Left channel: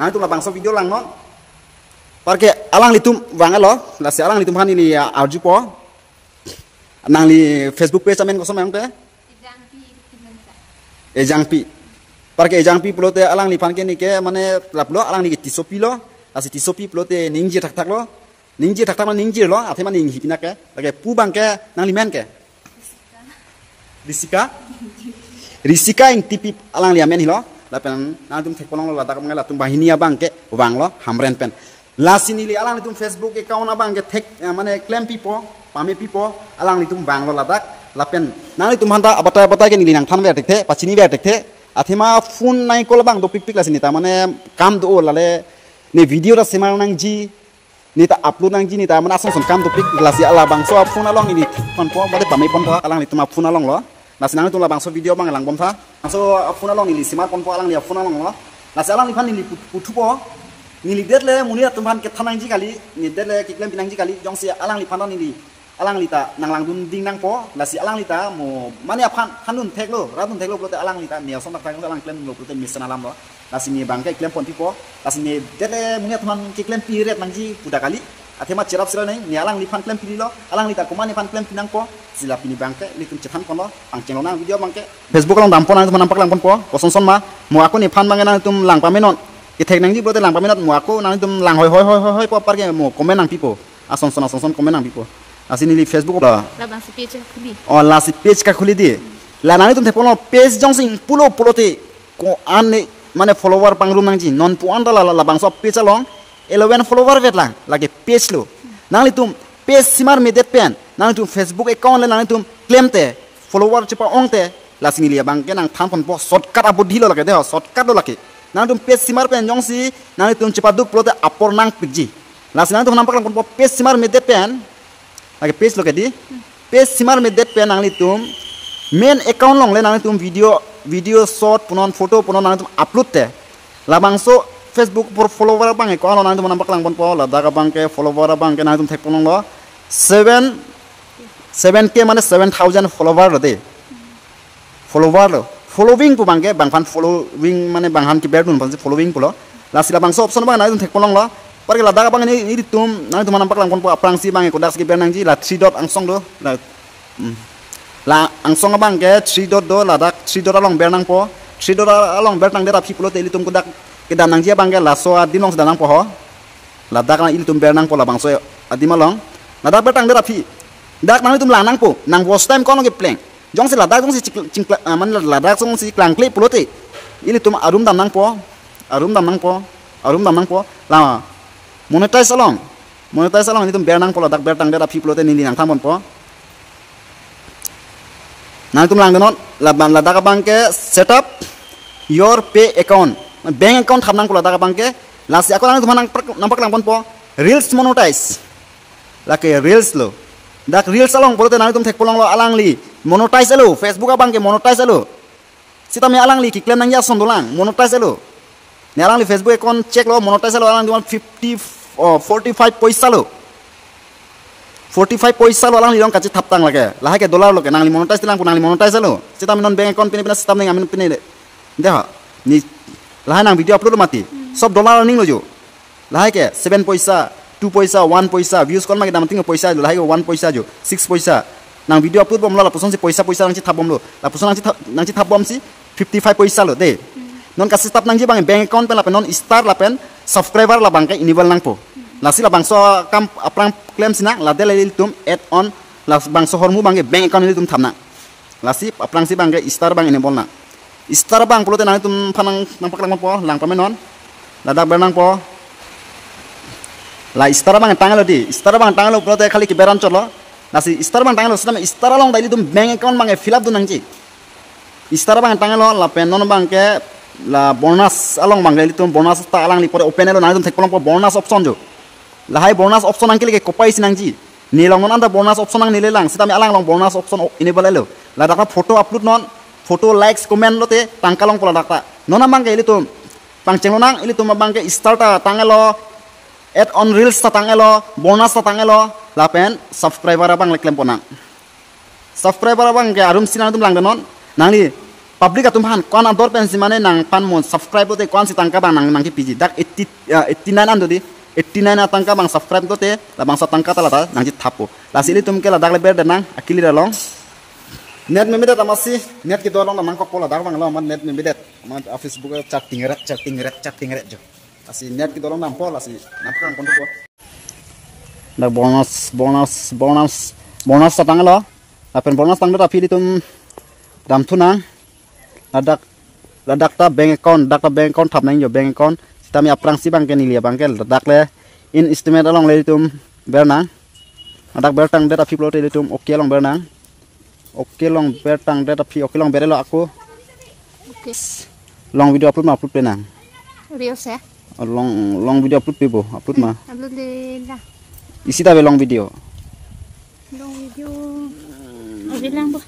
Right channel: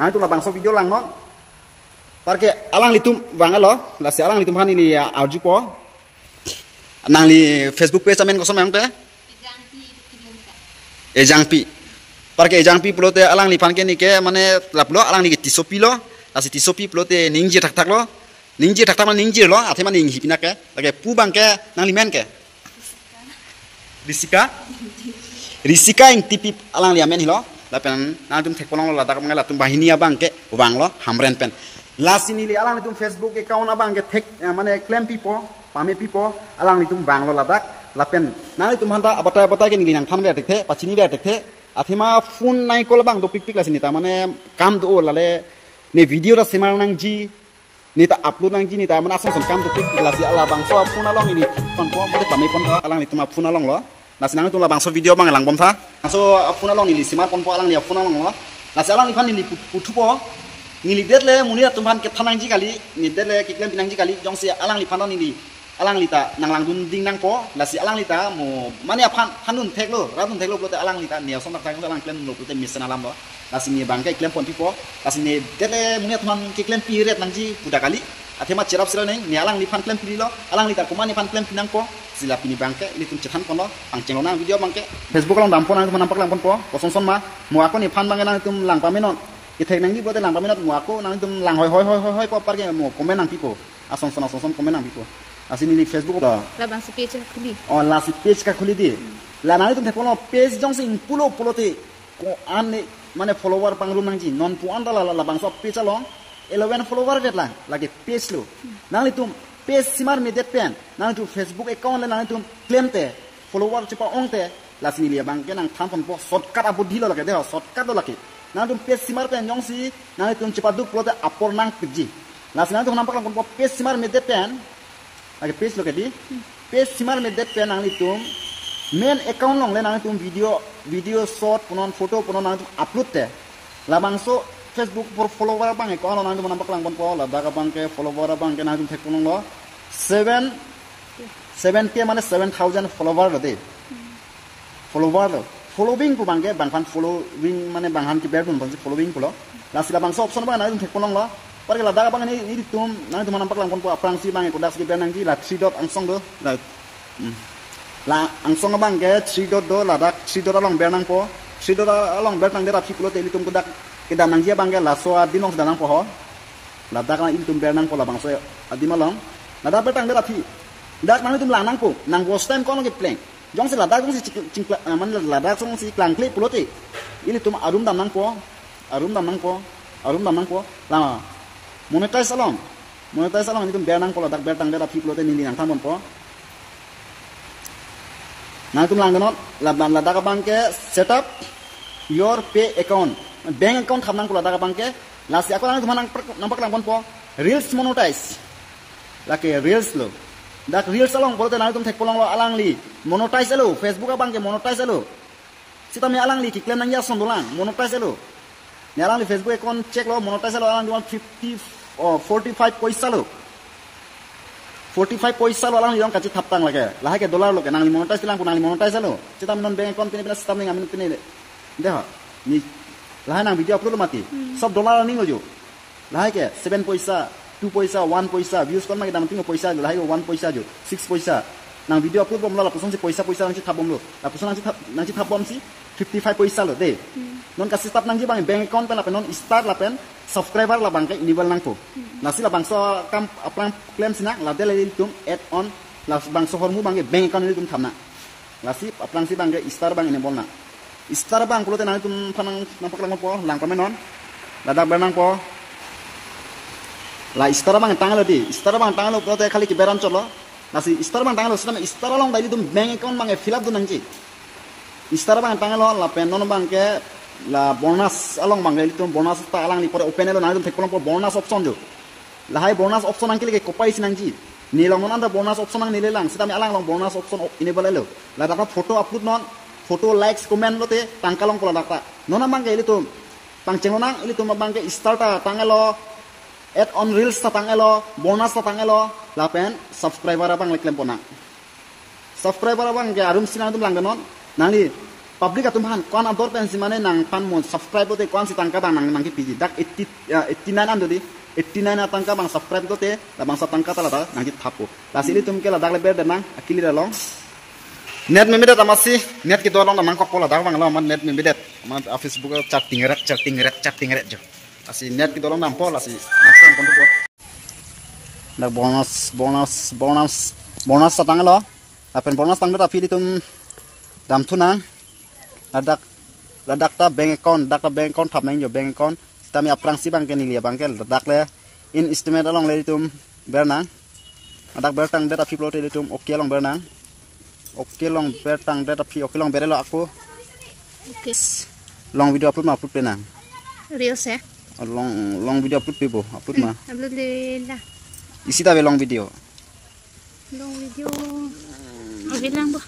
nang tu la bangso video lang no parke alang litum wangalo la se alang litum hani li arju po nang li Facebook page amen ko som yang te ejangpi parke ejangpi plote alang li pan ke ni ke mane laplo alang li tisopi lo la se tisopi plote ningji tak tak lo ningji tak tak man ningji lo athe man ninghi pina ke lage pu bang ke nang li men ke Risika ing tipi alang li amen hilo lapen nang tum thekpolong la dak mangala tum bahini abang ke wang lo hamren pen la sini li alang tum Facebook account abang ke thek mane claim pipo pame pipo alang li tum bang lo la dak lapen nang tum handa abata ke ni nang than ver tekte pachini ver tekte athema phone nai kol bang do pik pik la sini ta mane kam do la le ne video ra sema nang ji ni ta upload nang ji ni ta mana asong som kam do pik la si ala bang so phone along ini pon po bade pame pon po alang li tum phone along lo nasi nang tu la bangso video bang lang bom tha so phone along ni simar pon po alang ni phone along lo nasi alang ni phan ni putu po ni li det le muni atum phan ke thanang ji kali ni det le ki klem pinang ji kali jong si alang li phan ni li alang li ta nang lang dun ding nang po la si alang li ta mo mani phan phanun thek lo radun thek lo prote alang li ta ni som tak tak alang klem lo prote misan alam lo nasi ni bang ke klem pon pi po nasi ni det le muni atum phan ki klem pi ret nang ji puda kali athema cerap sira neng ni alang li phan klem pi lo alang li ta komani phan klem pinang po sila pini bangke litum cetan kono pangceng lonang video bangke Facebook long dampon nang nampak lang pon po koson son ma mo aku ni phan bangke nang tum lang pamenon ki thek nang di bote lang pamenot mo aku nang tum lang hoi po parke mo komen nang pipo ason son komen nang pipo asini li Facebook la bang si page khuli oh la si page ka khuli di la nang tum thepon page jong sing pulo te ko ane mane follower pangrum nang ji non pu anda la bang so page long 11 follower vet lang lagi page lo nang li tum page simar me det pen nang tu Facebook account le nang tu claim te follower chipa ong te la sini lia bang ke nang tham pon po shortcut abu dhilo lake de shortcut lo lake nang tu page simar pen jong si nang tu chipa du plote apor nang piji la sini tu nampak lang pon po page simar me det pen lake page lo ke di page simar me det pen nang li tu main account long le nang tu video short punon photo punon nang tu upload te la bang so Facebook por follower bang ko nang tu nampak lang pon po la daga bang ke follower bang ke nang tu thek pon lo 7k মানে 7000 follower de follower lo following pu bangke bangfan following মানে banghan ki berdun pan following pulo la sila bang so option bang na thek polong lo parke la daga bang ni tum na tum nampak lang kon pu aprang si bang ko das ki bernang ji la 3 dot angsong do la angsong bang ke 3 dot do la dak 3 dot along bernang po 3 dot along bernang de ra phi pulo te li tum ko dak ke danang ji bang ke la so adimong danang po ho la dak na il tum bernang po la bang so adimalong nada betang de rapi dak nang tum lanang po nang was time kono ke pleng jong se ladak jong si cing man ladak jong si klang kle pulote ili tum arum dam nang po la monetize along ini tum bernang po ladak bertang de rapi pulote ni nang tamon po nang tum lang denot ladak bang ke set up your pay account bank account tham nang po ladak bang ke la si ako nang tum nampak lang po reels monetize lake reels lo dak reels along polote nang tum thek polong lo alang li monetize alo Facebook abang ke monetize alo sita me alang li ki claim nang ya son dolang monetize alo ne alang li Facebook account check lo monetize alo alang 45 paisa lo 45 paisa lo alang li long kachi thaptang lage laha ke dollar lo ke nang li monetize tilang nang li monetize alo sita me non bank account pine sita me amin pine deha ni laha nang video upload mati sob dollar ning lo jo laha ke 7 paisa 2 paisa 1 paisa views kon magi damanting paisa lo lahi 1 paisa jo 6 paisa nang video upload bom la puson si paisa nang si thabom lo la puson nang si thabom si 55 paisa lo de non ka stop nang ji bang bank account pe la pe non star la pen subscriber la bang ke enable nang po la si la bang so kam aprang claim sina la de le tum add on la bang so hormu bang ke bank account ni tum thamna la si aprang si bang ke star bang enable na star bang pulote nang tum phanang nampak lang po lang pa non la dak bernang po la istara bang tangalo di istara bang tangalo prote khali ki beran cholo nasi istara bang tangalo sidam istara long daili dum bank account bang fill up du nangji istara bang tangalo la penon bang ke la bonus along bang daili tum bonus ta alang li pore open elo nang dum thekpolong po bonus option jo la hai bonus option angke ke kopai sinangji ni long non anda bonus option nang nile lang sidam alang long bonus option enable elo la daka photo upload non photo likes comment lote tangkalong pola daka nona bang ke ili tum pangcheng nang ili tum bang ke start tangalo add on reels tatangelo bonus tatangelo lapen subscriber abang leklem pona subscriber abang ke arum sinan tum lang denon nangli public atum han kwan ador pen si mane nang pan mon subscribe te kwan si tangka bang nang ki piji dak 89 ando di 89 atangka bang subscribe to te la bang sa tangka ta la nang ji thapo la sili tum ke la dak le ber de nang akili da long net me medet amasi net ki dolong nang ko la dak bang lo man net me medet man Facebook chatting ret jo asi net ki dolong nang po la si nang kon po na bonus sa tang lo apen bonus tang da pili tum dam thuna ladak ta bank account thap nang jo bank account tami aprang si bang ke nilia bang ke ladak le in estimate along le tum bernang ladak bertang data fi plote le tum okay long bernang okay long bertang data fi okay long berelo aku okay long video upload ma upload pe nang reels ya long video upload pe bo upload ma upload le la isi ta be long video okay lang bo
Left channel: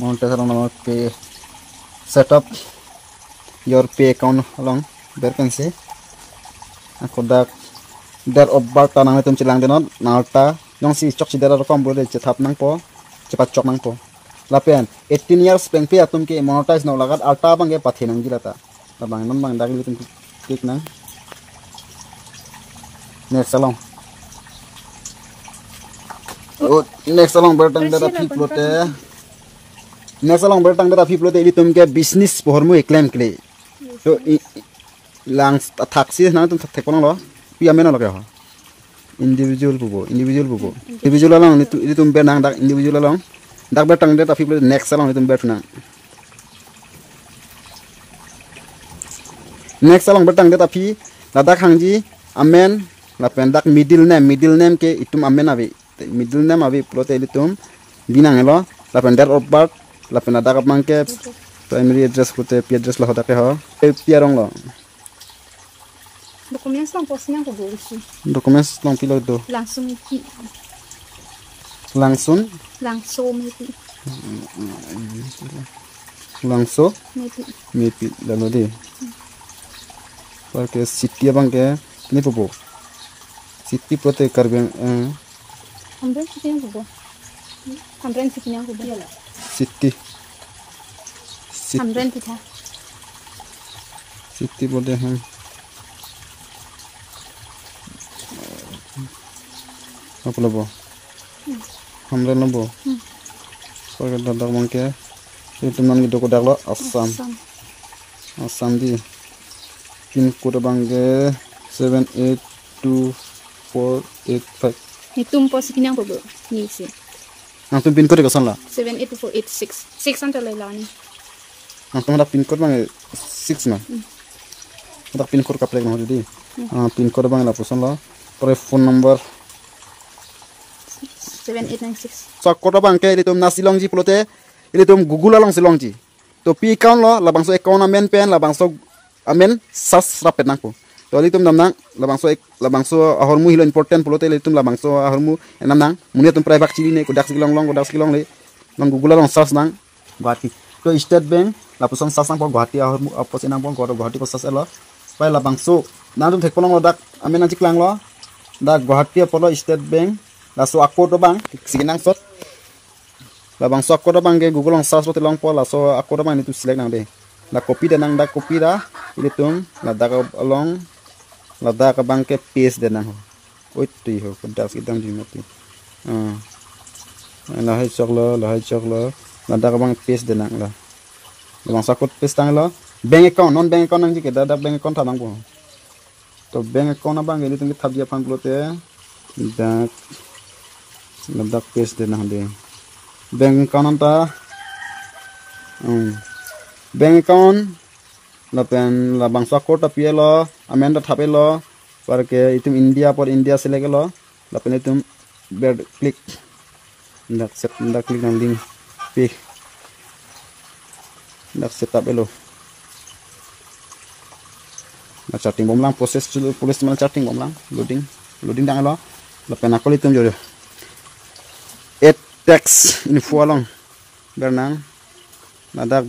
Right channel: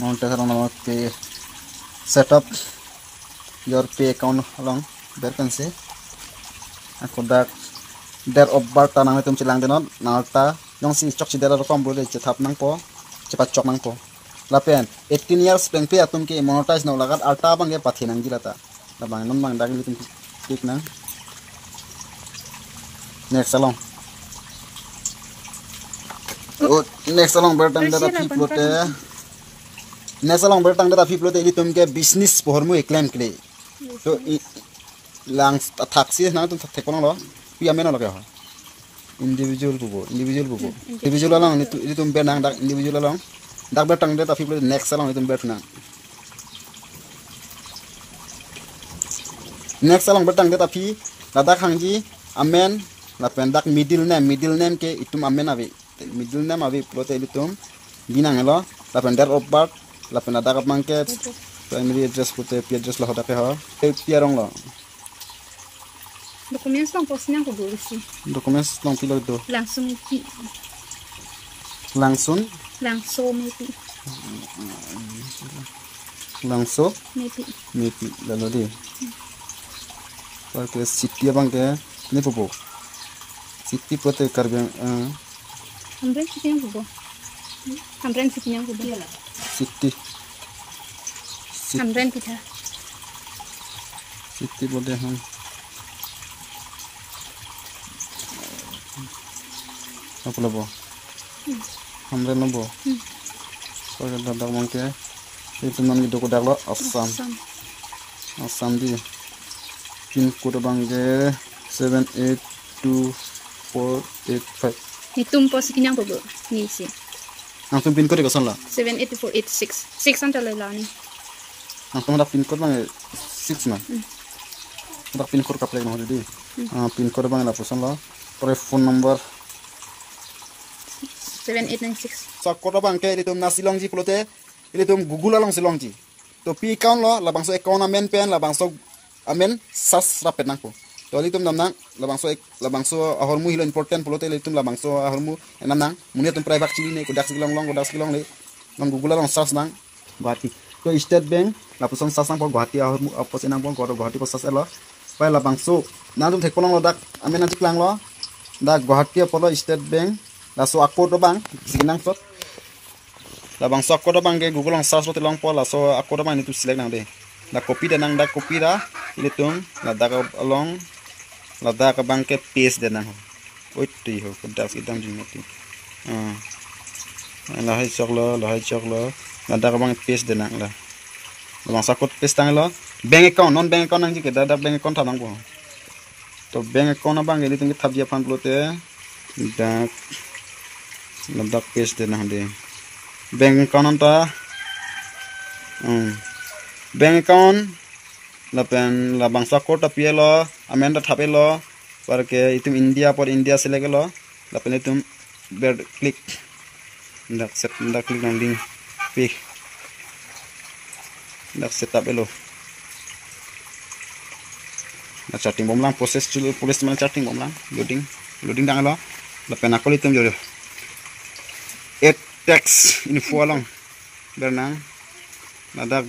mau terang nama ke setup your pay account along there can see aku dak der obat tanang itu cilang denot nalta yang si cok si der kom boleh cetap nang po cepat cok nang po lapen 18 years bank pay atum ke monetize nau lagat alta bang ke pathi nang jirata bang nam bang dagli tum tik nang next along next along bertang der upload next along bertang da fi plote ili tum ke business pohor mu claim kle so lang taxi na tum thek ponang lo pi amena lo ke ho individual bubo individual along ili tum be nang dak individual along dak bertang da fi plote next along tum bertna next along bertang da fi ladak hangji amen la pendak middle name ke itum amen ave middle name ave plote ili tum binang lo la pendar obat la pena da mangke primary address pute pi address la hoda ke ho pi arong lo documents long post nang ko bolisi documents long pilo do langsung maybe maybe lalu deh pakai city abang ke ini popo city pute karbeng hamren city yang popo city hamren kita city boleh apa labo hamren labo pakai dadak mangke itu man gitu kodak lo asam di pin code bangke 782485 hitung pos kinyang popo ni sih nanti pin code kesan lo 78486 6 antar lelani nanti ada pin code bang 6 na ada pin code kaplek nah jadi pin code bang ada kesan lo phone number 7896 so code bang ke itu nasi longji plote itu google long silongji to pi account lo labang so account amen pen labang so amen sas rapet nangko to itu namnang labang so ahormu hilo important plote itu labang so ahormu namnang muni tum private chili ne ko dak silong le long google long sas nang Guwahati to state bank lapuson sas nang po Guwahati ahormu apos inang pon ko Guwahati ko sas elo pai labang so nanum thekpolong dak amen nang chiklang lo dak Guwahati apolo state bank la so akko to bang siginang sot la bang so akko to bang ke google long search long po la so akko to bang ni tu select nang de la copy da nang da copy da ile tum la da along la da ka bang ke paste de nang oi ti ho ko da sidang jing ti la hai choklo la da ka bang paste de nang la bang sa ko paste tang la bank account non bank account nang ji ke da bank account ta nang bo to bank account na bang ile tum thap ji pan plote da ladak paste de nang de bank account ta bank account la pen la bangsa kota pielo amenda thapelo parke itum india por india select lo la pen itum ber click ndak set ndak click nang link pick ndak setup elo na chatting bomlang process to police man chatting bomlang loading dang lo la pen akol itum jore et text info along bernang ladak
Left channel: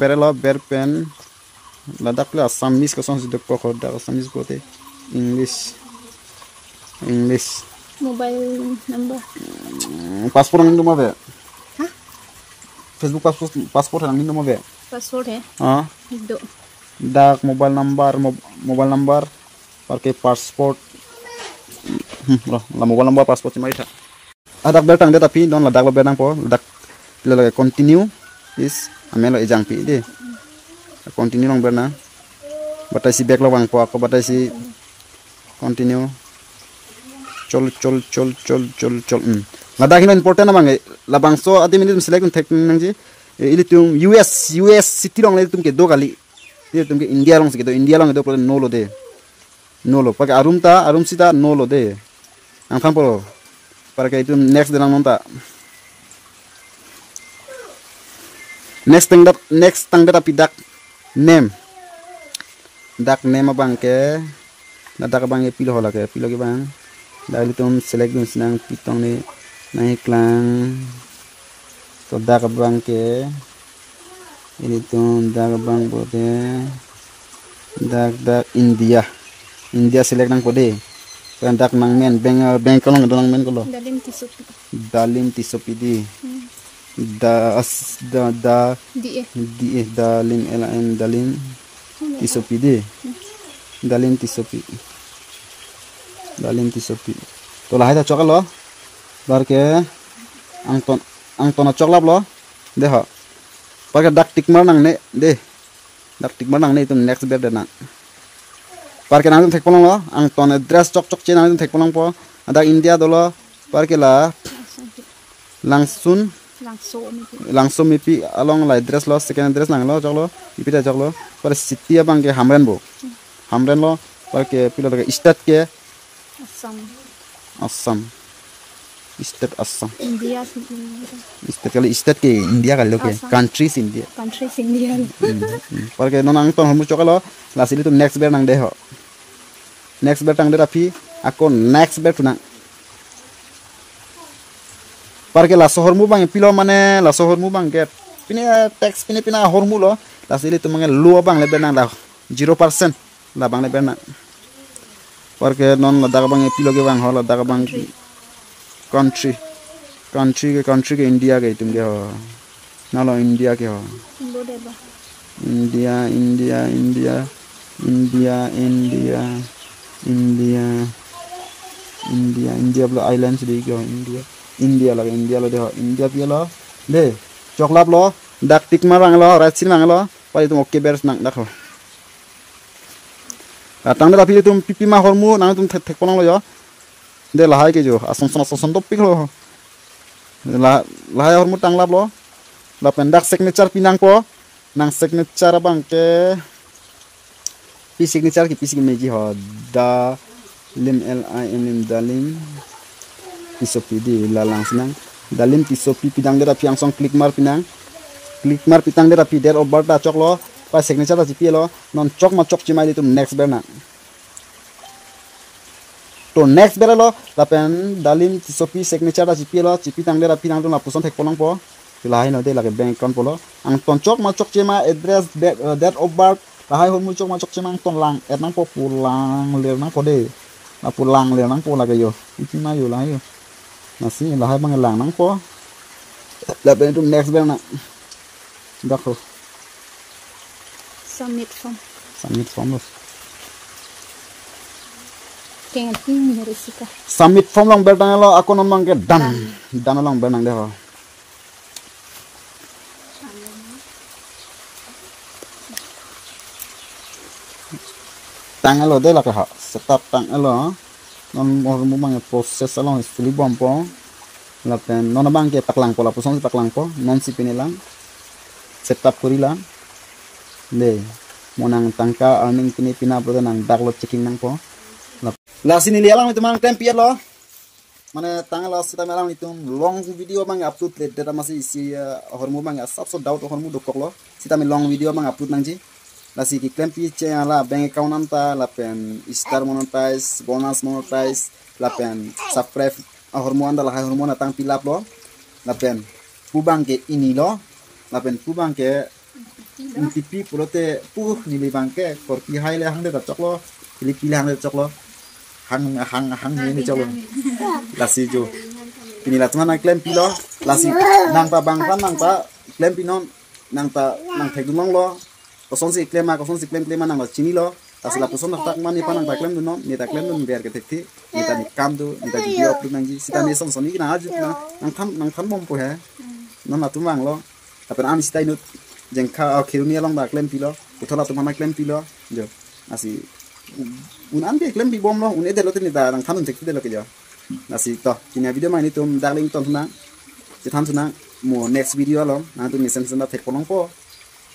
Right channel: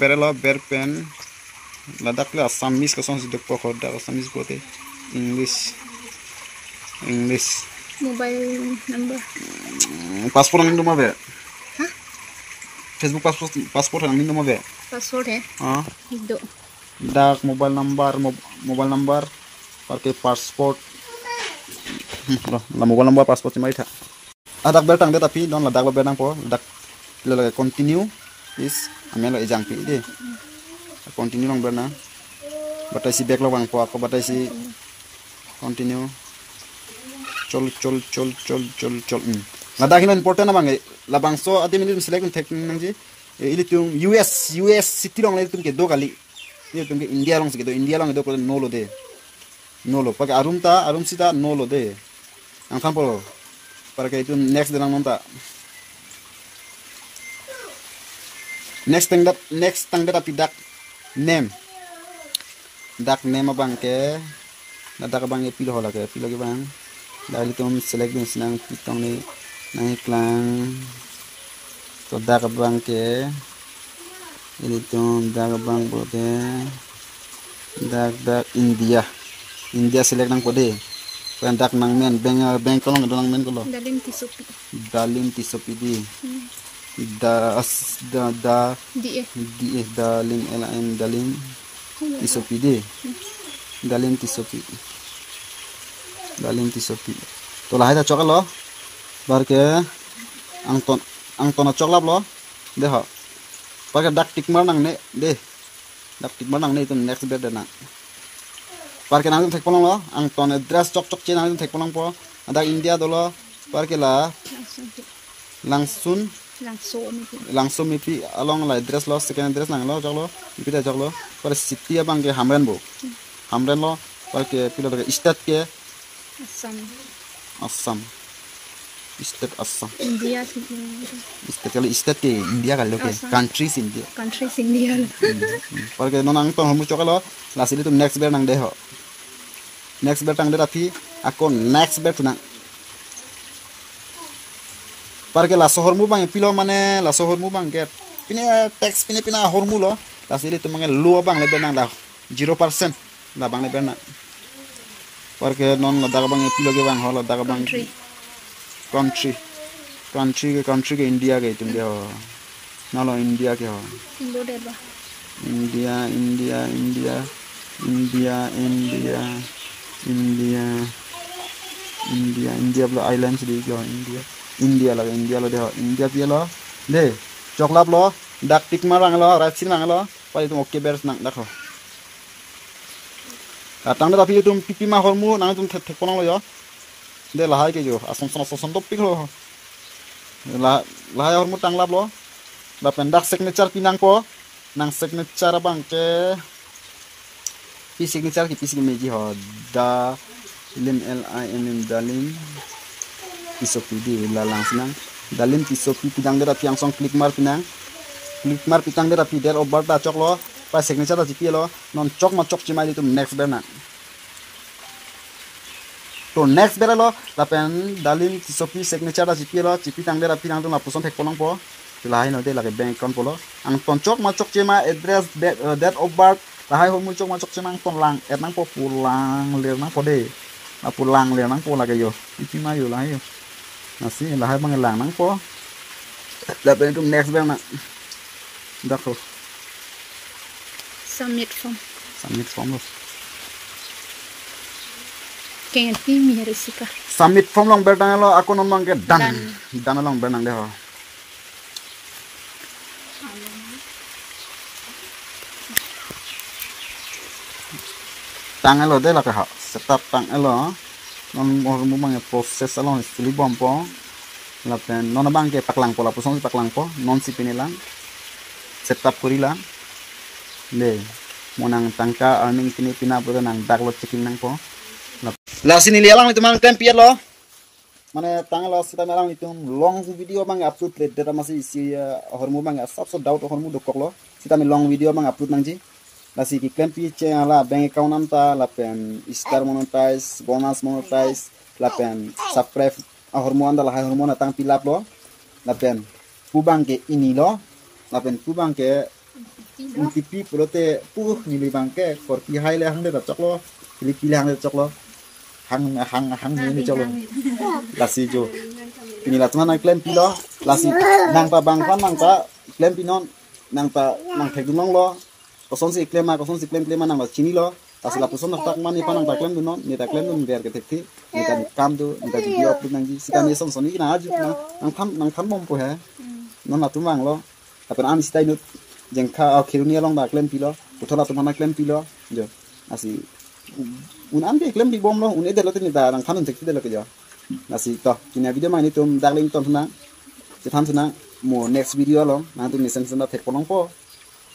ber lo ber pen ladak le asamis ka son sidok po da asamis bote english mobile number passport nang duma be Facebook passport nang ni mo be. Password है Ah. दो Dak mobile number parke passport. La mobile number passport cuma itu. Adak bertang dia tapi don la dak bertang po dak lele continue is amelo ejang pi de. Continue nang berna. Batai si back lo bang po aku batai si continue. Chol. Ngadak ini important bang la bang so adi minit select tek nang ji. Ini tung US city long le tung ke do kali. Ini tung ke India long segitu India long itu pro no lo pakai arum sita no lo de. Ang kampo para itu next dengan nonta. Next tang tapi dak name abang ke dak abang pilih hola ke bang. Dari itu select dun sinang pitong ni naik lang. So dak abang ke ini tuh dak abang bote dak India select nang kode. Kandak nang men bank kalau nang men kalau. Dalim tisopi di. Da di dalim tisopi di. Dalim tisopi. To lah itu coklat lo. Bar ke angton coklat lo. Deh ha. Pakai dak tikmar nang ne deh. Dak tikmar nang ne itu next bed nang. Parke nang tek polong lo ang ton address cok che nang tek polong po ada India dolo parke la langsung mipi along la address lo second address nang lo jok lo ipi ta jok lo par city abang ke hamren lo parke pilo ke state ke Assam state Assam India state kali state ke India kali ke countries India parke nang ton homu cok lo la sili tu next bear nang de ho next bear tang de rapi aku next bear tunang parke la sohor mu bang pilo mane la sohor mu bang get pina tax pina hormu lo la sili tu mangal lu bang le benang la 0% la bang le benang parke non la daga bang pilo ke bang hola daga bang country ke India ke tum ge ho na lo India ke ho India blo islands di go India lo de India pia lo de coklat lo dak tik marang lo ratsin mang lo pali tum oke beres nang dak ho katang de tapi tum pipi ma hormu nang tum thek ponang lo yo de lahai ke jo asam top pik lo lahai hormu tang lap lo la pendak signature pinang po nang signature bang ke pi signature ki pi meji ho da lim dalim pisopi di lalang sinang dalim pisopi pidang dera piang song klik mar pitang dera pi der obar da chok lo pa signature da jipi lo non chok ma chok chimai tu next berna to next ber lo la pen dalim pisopi signature da jipi lo jipi tang dera pinang tu na puson thek ponong po tilai no de la bank account polo ang ton chok ma chok chima address that of birth lahai homu chok ma chok chima ton lang et nang po pulang le nang po de pulang le nang po la ke yo ipi ma yo lahai yo nasi lahai bang lang nang po la ben tu next ber na dakho submit form lo kengen pi mi risika submit form long ber dang lo aku nomang ke dan long ber nang de ho tang elo de la ka setup tang elo non mo mang proses along stili bompo la pen non bang ke paklang po la pusong paklang po non si pinilang setup kurila le monang tangka earning pina pro nang daklo checking nang po la sini lialang itu mang tempier lo mane tang lo sita melang itu long video bang upload data masih isi hormu bang sab so doubt hormu dokok lo sita me long video bang upload nang ji lasi ki claim pi che la bank account namta la pen star monetize bonus monetize la pen subscribe hormon da la hormon tang pilap lo la pen pubang ke ini lo la pen pubang ke tipi purote pu ni bang ke for pi hai le hang de chok lo pi le hang de chok lo hang ni chok lo lasi jo ini la tuna claim pi lo lasi nang ta bang kan nang ta klaim pinon nang ta nang thek dung lo koson si klaim ma koson si klaim nang la chini lo asla puson tak mani pa nang ta klaim non ni ta klaim non ber ke thek thi ni ta ni kam do ni ta video upload nang ji sita ni son soni na aju nang than bom po he non la tu mang lo tapi an sita inut jeng kha khiruni long ba klaim pi lo uthola tu mana klaim pi lo jo asi un an ke klaim pi bom lo un ede lo tin ta nang than thek de lo ke jo nasi to kini video mai ni tum darling ton naจะทำสุนัขหมู่ next video ลองนะตัวมีเซนส์มาเทคปนองปอ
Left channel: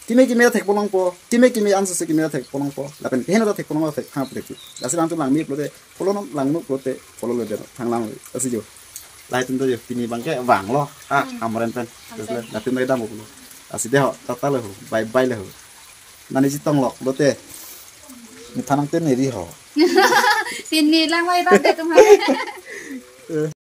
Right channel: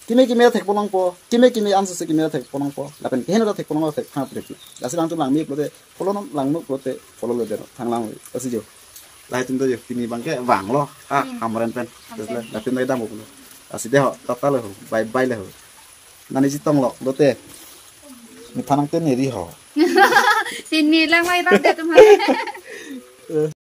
กิเมเทคปนองปอกิเมอันสุดกิเมเทคปนองปอแล้วเป็นเห็นเราเทคปนองเราเทคห้าประเทศแล้วสิ่งตัวหลังมีโปรเตฟอลโล่หลังนุโปรเตฟอลโล่เลยเดี๋ยวทางหลังก็สิอยู่ลายตัวอยู่ที่นี่บางแค่หวังล้อทำอะไรเป็นแล้วตัวไม่ได้หมดเลยแล้วสิเดี๋ยวตัดเลยบายเลยนั่นนี่จิตต้องหลอกโปรเตมีทางเต้นนี่ดีหรอปีนี้แรงไว้บ้างเด็กกันมา